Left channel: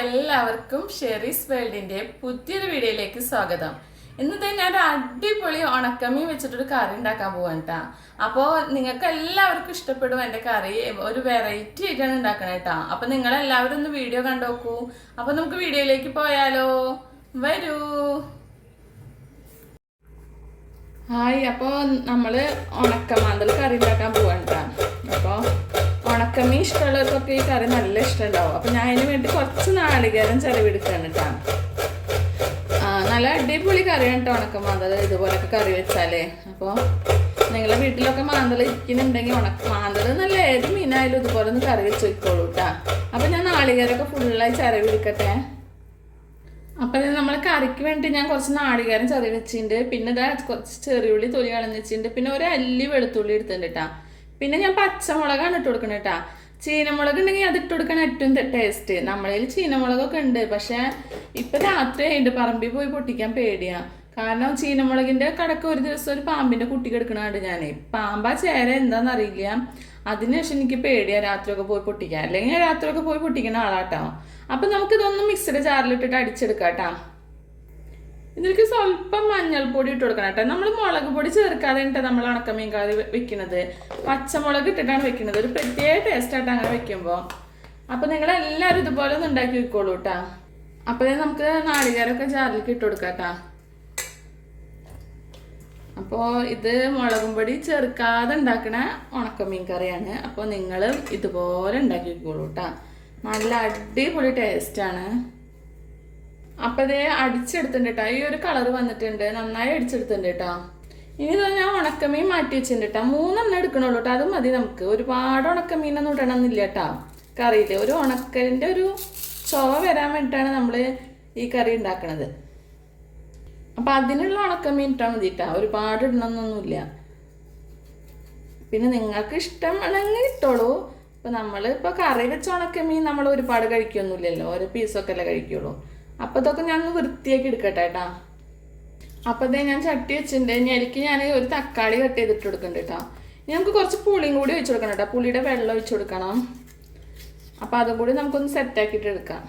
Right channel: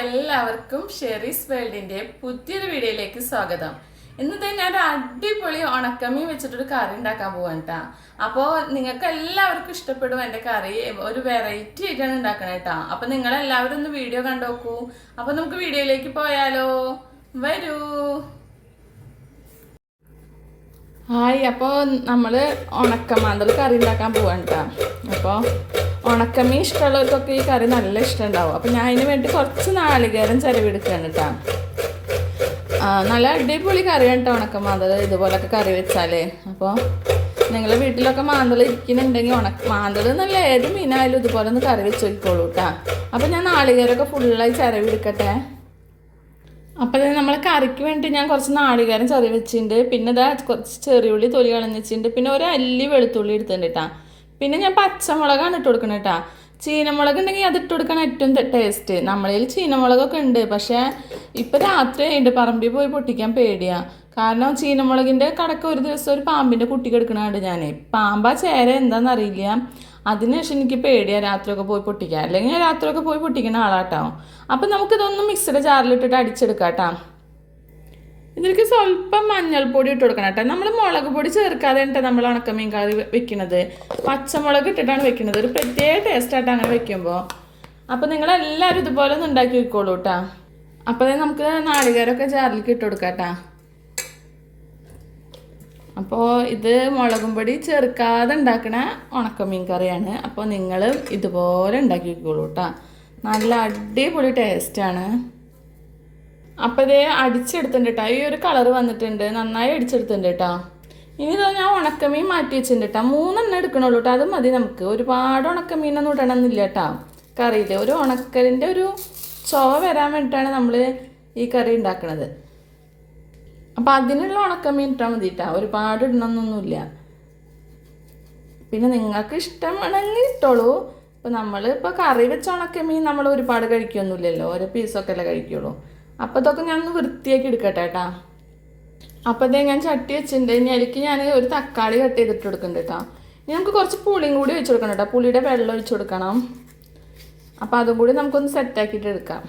എല്ലാവർക്കും ഷെറീസ് വേൾഡിന്റെ പുതിയൊരു വീഡിയോയിലേക്ക് സ്വാഗതം. ഇന്നത്തെ ഞാൻ ഒരു അടിപൊളി ഉണക്കമീൻ വെച്ചിട്ടൊരു കറി ഉണ്ടാക്കാൻ പോവാണ് കേട്ടാ. അപ്പോൾ നിങ്ങൾക്ക് എല്ലാവർക്കും ഇഷ്ടപ്പെടും എൻ്റെ കറി. ഒരു വെറൈറ്റി ആയിട്ടാണ് ഉണ്ടാക്കണത് കേട്ടാ. അപ്പോൾ നിങ്ങൾ എല്ലാവരും ഒന്ന് വീഡിയോ കണ്ടോക്കൂ. അപ്പോൾ നമുക്ക് വീഡിയോയിലേക്ക് പോയാലോ, വരൂ. ഹായ്, അപ്പോൾ നമ്മൾ ഉണക്കമാന്തൽ കറി ഉണ്ടാക്കാൻ പോവാണ് കേട്ടോ. അപ്പോൾ ഉണക്കമീൻ ഇഷ്ടമുള്ളവർക്കൊക്കെ ഈ കറി നല്ല ഇഷ്ടമുണ്ടാവും. അപ്പോൾ ഞാൻ അതിന് വേണ്ടി കുറച്ച് നാളികേരം ചിലവെടുക്കുകയാണ് കേട്ടോ. നല്ല അടിപൊളി കറിയാണ് കേട്ടോ ഉണക്കമാന്തൽ. ഇതുപോലൊക്കെ കറി വെച്ചാലേ. അപ്പോൾ നിങ്ങളുടെ വീട്ടിലൊക്കെ മാന്തൽ ഇരിക്കുന്നുണ്ടെങ്കിൽ മാന്തൽ നല്ല ഏത് മീനായാലും ഇതുപോലെ ഒന്ന് കറി വെച്ച് വെക്കോളൂ കേട്ടോ. അപ്പോൾ ഞാൻ നാളികേരമൊക്കെ ഫുള്ളായി ചിലവെടുക്കട്ടെ. അപ്പോൾ നമ്മൾ കറിക്ക് വേണ്ടി ഞാൻ കുറച്ച് നാളികേരം ചെറിയ വെച്ചിട്ടുണ്ട്. പിന്നെ ഇതാ കുറച്ച് ചെറിയുള്ളി തൊലി കളഞ്ഞ് വെച്ചിട്ടുണ്ട്. പിന്നെ ഒരു അല്ലി വെളുത്തുള്ളി എടുത്തിട്ടുണ്ട് കേട്ടോ. പിന്നെ ഞാൻ പച്ചമുളകാണ് ഇട്ട് കൊടുക്കണം കേട്ടോ. ചീനമുളക് ഉണ്ടെങ്കിൽ അത് ഇട്ട് കൊടുക്കണം ഏറ്റവും ടേസ്റ്റ്. നമ്മളതിൽ ചീനമുളകൊക്കെ ഉണ്ട്, പക്ഷേ ഇപ്പം രാത്രി ആയിട്ട് പറമ്പിൽ പോയി പൊട്ടിക്കാൻ പേടിയാണ്. കാരണം ചീനമുളകിൻ്റെ കടക്ക് ഒരു ദിവസം ഒരു പാമ്പിൻ്റെ കുട്ടിക്ക് എടുക്കണുണ്ട് ഞാൻ. പാമ്പാ ചേര എന്താണെന്നറിയില്ല. അതിനുശേഷം എനിക്ക് പേടിയാണ് രാത്രിയൊക്കെ പോയി പൊട്ടിക്കാൻ. അല്ലെങ്കിൽ ഞാൻ രാത്രിയൊക്കെ പോയി പൊട്ടിക്കുന്ന ആളാട്ടോ. അപ്പം നമുക്കിതൊന്നും മിക്സിയുടെ ജാറിലിട്ടിട്ട് അടിച്ചെടുക്കാം കേട്ടോ. ഇതിലേക്ക് സ്വല്പം മഞ്ഞൾപ്പൊടി ഇട്ട് കൊടുക്കണം കേട്ടോ. നമ്മൾ മുളക് പൊടി ചേർക്കാതെ ഉണ്ട് നമ്മൾ ഉണക്കമീൻ കറി വെക്കുന്നത്. പച്ചമുളക് ഇട്ടിട്ടാണ് വെക്കുന്നത്. ഒരു പ്രത്യേക ടേസ്റ്റായിട്ട് അങ്ങനെ വെക്കുമ്പോൾ. അപ്പോൾ നിങ്ങളെല്ലാവരും ഇതുപോലെ ഒന്ന് ഉണ്ടാക്കി വെക്കോളൂ കേട്ടോ. അപ്പോൾ നമുക്ക് നാളികേരമൊക്കെ ജാറിലേക്ക് ഇട്ട് കൊടുക്കാം കേട്ടോ. അപ്പോൾ ഇത് മുളകും പൊടി ചേർക്കാതെ ഉണ്ടാക്കണ ഉണക്കമീൻ കറിയാണ്. അപ്പോൾ നിങ്ങൾ ഇതുപോലെ ഉണ്ടാക്കി വെക്കോളൂ കേട്ടോ. നല്ല അടിപൊളി ടേസ്റ്റാണ്. അപ്പോൾ ഇത് അടിച്ചെടുത്തിട്ടുണ്ട് കേട്ടോ. ഈ ഒരു കളറ് വന്നിട്ടുണ്ട്, നന്നായി അടിച്ചെടുത്തിട്ടുണ്ട് കേട്ടോ. ഇനി ഇതാ ഞാൻ ഉണക്കമീൻ മാറ്റി വെച്ചിട്ടുണ്ട് കേട്ടോ. 3 എടുക്കണുള്ളൂ കേട്ടോ. അത് മതി നമുക്ക്. ഒരുപാട് ഉണക്കമീനൊന്നും ഇടണമെന്നില്ല കേട്ടോ കറിയിൽ. ഒരു ഉണക്കലിൻ്റെ ഒരു ചുവ വരാൻ വേണ്ടിയിട്ടാണ് നമ്മൾ ഈ കറി ഉണ്ടാക്കണത്. അപ്പോൾ അതിനുള്ള ഉണക്കമീൻ ഇട്ടാൽ മതി കേട്ടോ. ഒരുപാട് ഇടണമെന്നൊന്നുമില്ല. പിന്നെ നിങ്ങൾക്ക് ഇഷ്ടമാണെങ്കിൽ ഇട്ടോളൂ. ഇപ്പോൾ നമ്മളിപ്പോൾ കറി വെച്ച ഉണക്കമീൻ നമ്മൾ ഒരുപാട് കഴിക്കൊന്നുമില്ലല്ലോ. ഓരോ പീസൊക്കെ അല്ലേ കഴിക്കുള്ളൂ. അപ്പോൾ ഇതൊക്കെ ഞാൻ ഒന്ന് വൃത്തിയാക്കി എടുക്കട്ടെ കേട്ടോ. അപ്പോൾ അതേ ഞാൻ ചട്ടി വെച്ചിട്ടുണ്ട്. ഇനി അതിലേക്ക് ഞാൻ ഒരു തക്കാളി കട്ട് ചെയ്തിട്ട് കൊടുക്കുന്നുണ്ട് കേട്ടോ. ഇനി നമുക്ക് കുറച്ച് പുളിയും കൂടി ഒഴിച്ച് കൊടുക്കണം കേട്ടോ. പുളിയുടെ വെള്ളം ഒഴിച്ച് കൊടുക്കണം. അപ്പോൾ അതും കൂടി നമുക്കൊന്ന് സെറ്റാക്കിയിട്ട് എടുക്കാം.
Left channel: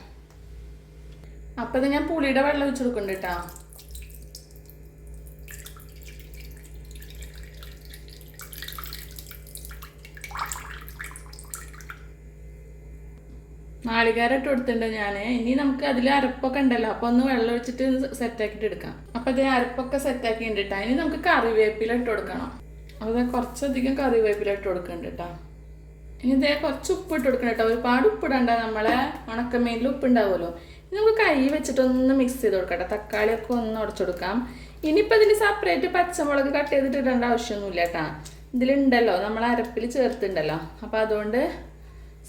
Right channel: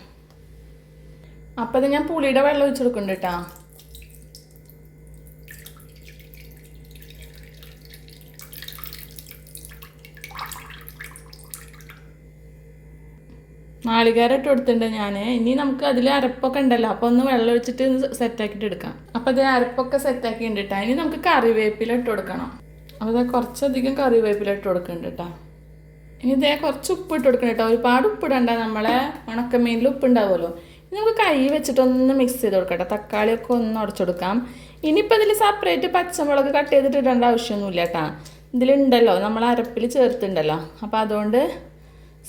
അപ്പോൾ അത് ഞാൻ പുളിയുടെ വെള്ളം ഒഴിച്ച് കൊടുക്കുന്നുണ്ട് കേട്ടോ. നാളികേരം ഇട്ട് കൊടുത്തിട്ടുണ്ട് ഞാൻ. ഇനി നമുക്ക് അതിൽ അരപ്പൊക്കെ ഉണ്ടല്ലോ. അപ്പോൾ ഒന്ന് വെള്ളം ഒഴിച്ചിട്ട് സെറ്റാക്കിയിട്ട് എടുക്കാം. അപ്പോൾ ഇത് അരപ്പൊക്കെ സെറ്റാക്കി ഉണ്ട് കേട്ടോ. ഇനി നമുക്ക് കറിവേപ്പില ഇട്ട് കൊടുക്കണം. അപ്പോൾ ഇത് കുറച്ചധികം കറിവേപ്പില ഇട്ട് കൊടുക്കുന്നുണ്ട് കേട്ടോ. ഇനി ഇതേ കുറച്ച് ഉപ്പ് ഇട്ട് കൊടുക്കണം കേട്ടോ. ഒരുപാട് ഉപ്പിടണ്ട. നമ്മളെ ഉണക്കമീനിൽ ഉപ്പ് ഉണ്ടാവുമല്ലോ. ഇനി നമുക്ക് കൈ വെച്ചിട്ടൊന്ന് മിക്സ് ചെയ്ത് കൊടുക്കട്ടെ. തക്കാളിയൊക്കെ ഒന്ന് ഉടച്ചെടുക്കാം. ഇനിയിപ്പോൾ ഇതിൽ സെപ്പറേറ്റ് പച്ചമുളക് കട്ട് ചെയ്തിട്ട് ഇടേണ്ട ആവശ്യമൊന്നുമില്ല കേട്ടോ. ഇതിലുണ്ടല്ലോ നമ്മൾ അരപ്പിൽ ചേർത്തുണ്ടല്ലോ. അപ്പോൾ അതുകൊണ്ട്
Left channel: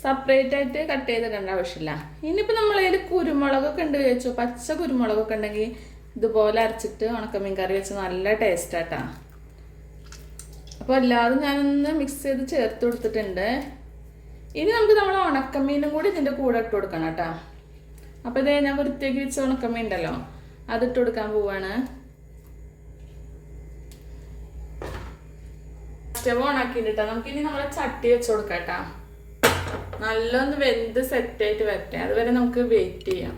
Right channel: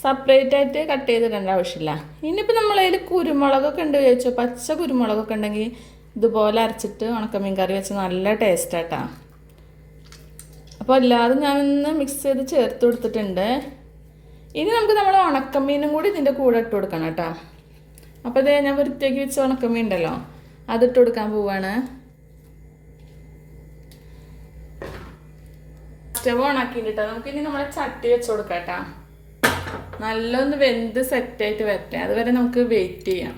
സെപ്പറേറ്റ് ആയിട്ട് കട്ട് ചെയ്തിടേണ്ട ആവശ്യമില്ല. ഇനിയിപ്പോൾ നമ്മളതിൽ കുരുമുളകൊക്കെ ഉണ്ട് ചോദിച്ചു. പച്ച കുരുമുളകൊക്കെ ഉണ്ടെങ്കിൽ ഇതുപോലെ അരച്ചിട്ട് ഉണക്കമീൻ കറി വെച്ച് നല്ല ടേസ്റ്റാട്ടാ. അപ്പോൾ എല്ലാതും ഞാനൊന്ന് മിക്സ് ചെയ്ത് ചേർത്ത് കൊടുത്തിട്ടുണ്ട്. ഇനി നമുക്ക് നമ്മൾ ഉണക്കമീനും കൂടി ഇതിൻ്റെ കൂടെ ഇട്ട് കൊടുക്കണം കേട്ടോ. അപ്പോൾ ഇതേ ഞാൻ വൃത്തിയാക്കി വെച്ച ഉണക്കമീൻ ഉണ്ടല്ലോ, അതിട്ട് കൊടുക്കാൻ പോവാണ്. സ്റ്റവ് ഓണാക്കിയിട്ട് കേട്ടോ. നമുക്കിനി നമ്മളെ ചട്ടി വെച്ച് കൊടുക്കാം കേട്ടോ. നല്ലൊന്ന് വെന്ത് സെറ്റായിട്ട് വരട്ടെ. അതുവരെ നമുക്ക് വെയിറ്റ് ചെയ്യാം.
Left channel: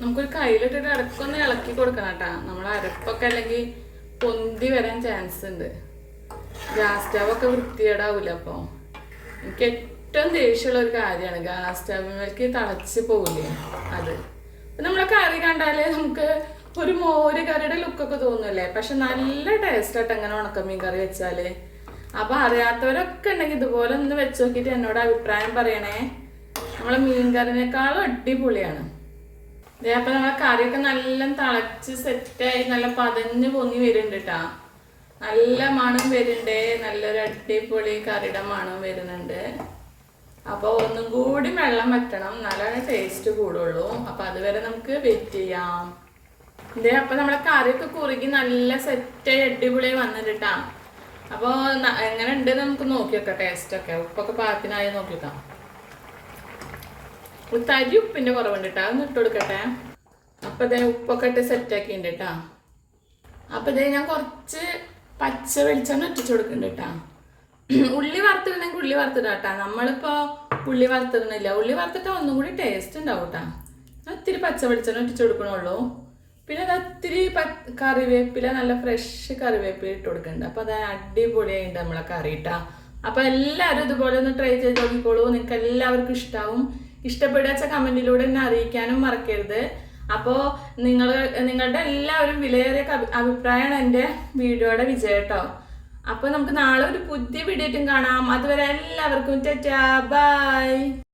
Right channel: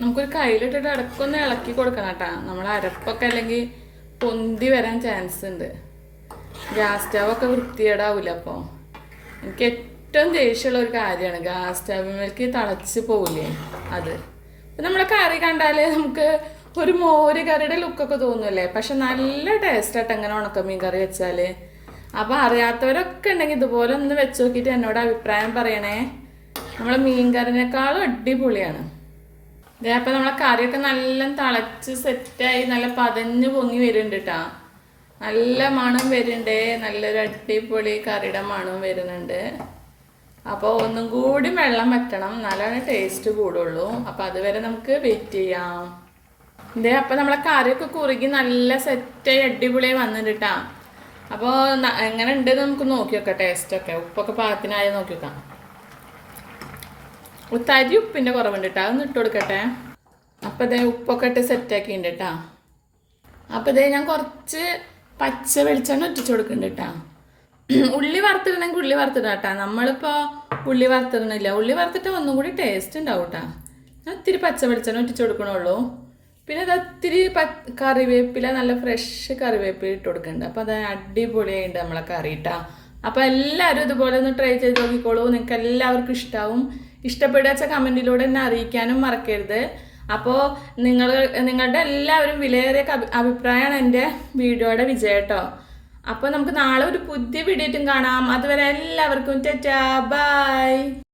നമുക്കൊരു കയ്യിലിട്ടിട്ട് ഇടയ്ക്കൊന്ന് ഇളക്കി കൊടുക്കണം കേട്ടോ. നമ്മൾ അരപ്പൊക്കെ അല്ലെങ്കിൽ പൊന്തി വരാൻ ചാൻസ് ഉണ്ട്. ഗ്യാസ് സ്റ്റവൊക്കെ വൃത്തികേടാവില്ല. അപ്പോൾ എനിക്ക് ഏറ്റവും ദേഷ്യമുള്ള ഒരു കാര്യമാണ് ഗ്യാസ് സ്റ്റവിലേക്ക് തിളച്ച് പോവില്ലേ അത്. അപ്പം നമ്മളെ കറി കണ്ടാൽ നമുക്ക് ഒരു മോര് കറിയുടെ ലുക്കൊക്കെ തോന്നുമല്ലേ. പക്ഷെ നല്ല ടേസ്റ്റായിട്ട് എങ്ങനെ ഉണക്കമീൻ കറി വെച്ചാൽ. അപ്പോൾ അറിയാത്തവരൊക്കെ ഉണ്ടെങ്കിൽ ഇതുപോലെ ഒന്ന് വെച്ച് നോക്കിയിട്ട് എന്നോട് അഭിപ്രായം പറയണേ. നമ്മളെ മീൻ കറിനേക്കാളും അടിപൊളിയാണ് ഇതേ. അപ്പം നമ്മളെ കറിയൊക്കെ നല്ല തിളച്ച് സെറ്റായി നല്ല പതഞ്ഞ് പൊങ്ങി വരുന്നുണ്ട് കേട്ടോ. നല്ല മണം വരുന്നുണ്ട്. നല്ലൊരു അടിപൊളി കറിയുടെ മണം വരുന്നുണ്ട്. അപ്പോൾ ഒന്നും കൂടി വെള്ളം വറ്റണം, നല്ലതാണ് ടേസ്റ്റ് കൂടുള്ളൂ. അപ്പോൾ അതുവരെ നമുക്ക് വെയിറ്റ് ചെയ്യാം. ഇതേ അപ്പം നമ്മളെ കറിയൊക്കെ കുറുകി നല്ല സെറ്റായി അടിപൊളിയായി വന്നിട്ട് കേട്ടോ. അപ്പോൾ എങ്ങനെ ഉണ്ടെന്ന് നമുക്ക് നോക്കി വെക്കാം. ടേസ്റ്റൊക്കെ ഉപ്പൊക്കെ പാകത്തിനായി നോക്കി വെക്കാം. തരി ഉപ്പിൻ്റെ കുറവുണ്ട് കേട്ടോ. അതൊന്ന് ഇട്ട് കൊടുക്കട്ടെ. അപ്പോൾ ഇതേ ഉപ്പൊക്കെ ഇട്ട് സെറ്റാക്കിയിട്ടുണ്ട് കേട്ടോ. അപ്പോൾ ഇതേ ഞാൻ കുറച്ച് പച്ച വെളിച്ചെണ്ണ ഒറ്റിച്ച് കൊടുക്കുന്നുണ്ട് കേട്ടോ. ഉള്ളി വറുത്തിടണമെങ്കിൽ ഉള്ളി വറുത്തിടാട്ടാ. നമ്മളിപ്പോൾ ഉള്ളി വറുത്തിടണില്ല. ഉള്ളി വറുത്തിട്ട് ഒന്നും കൂടി ടേസ്റ്റ് ഉണ്ടാവും കേട്ടോ. ഞാൻ ഇത്തിരി പച്ച വെളിച്ചെണ്ണ ഒറ്റിച്ച് കൊടുക്കണുള്ളൂ. പിന്നെ അത് ഒത്തിരി കറിവേപ്പില, നല്ല ഫ്രഷ് കറിവേപ്പില ഇട്ട് കൊടുക്കുന്നുണ്ട്. അപ്പോൾ അത് അടിപൊളിയായിട്ട് നമ്മളെ കറി ഇട്ടാ. അപ്പോൾ എല്ലാവരും ഇതുപോലെ ഒന്ന് ട്രൈ ചെയ്ത് നോക്കിക്കോളൂ. നിങ്ങൾക്ക് എല്ലാവർക്കും ഇഷ്ടമാവും. ഇഷ്ടപ്പെടുക കമൻറ്റിലൂടെ എന്നെ അറിയിക്കാനും മറക്കരുത്. അപ്പോൾ നിങ്ങളുടെ എല്ലാവരും വിലയേറിയ അഭിപ്രായമാണ് എൻ്റെ വീഡിയോയുടെ വിജയം കേട്ടോ. അപ്പോൾ നമുക്ക് നാളെ ഒരു പുതിയ വീഡിയോ കാണാം. അതുവരെ എല്ലാവർക്കും ടാറ്റാ ബൈ.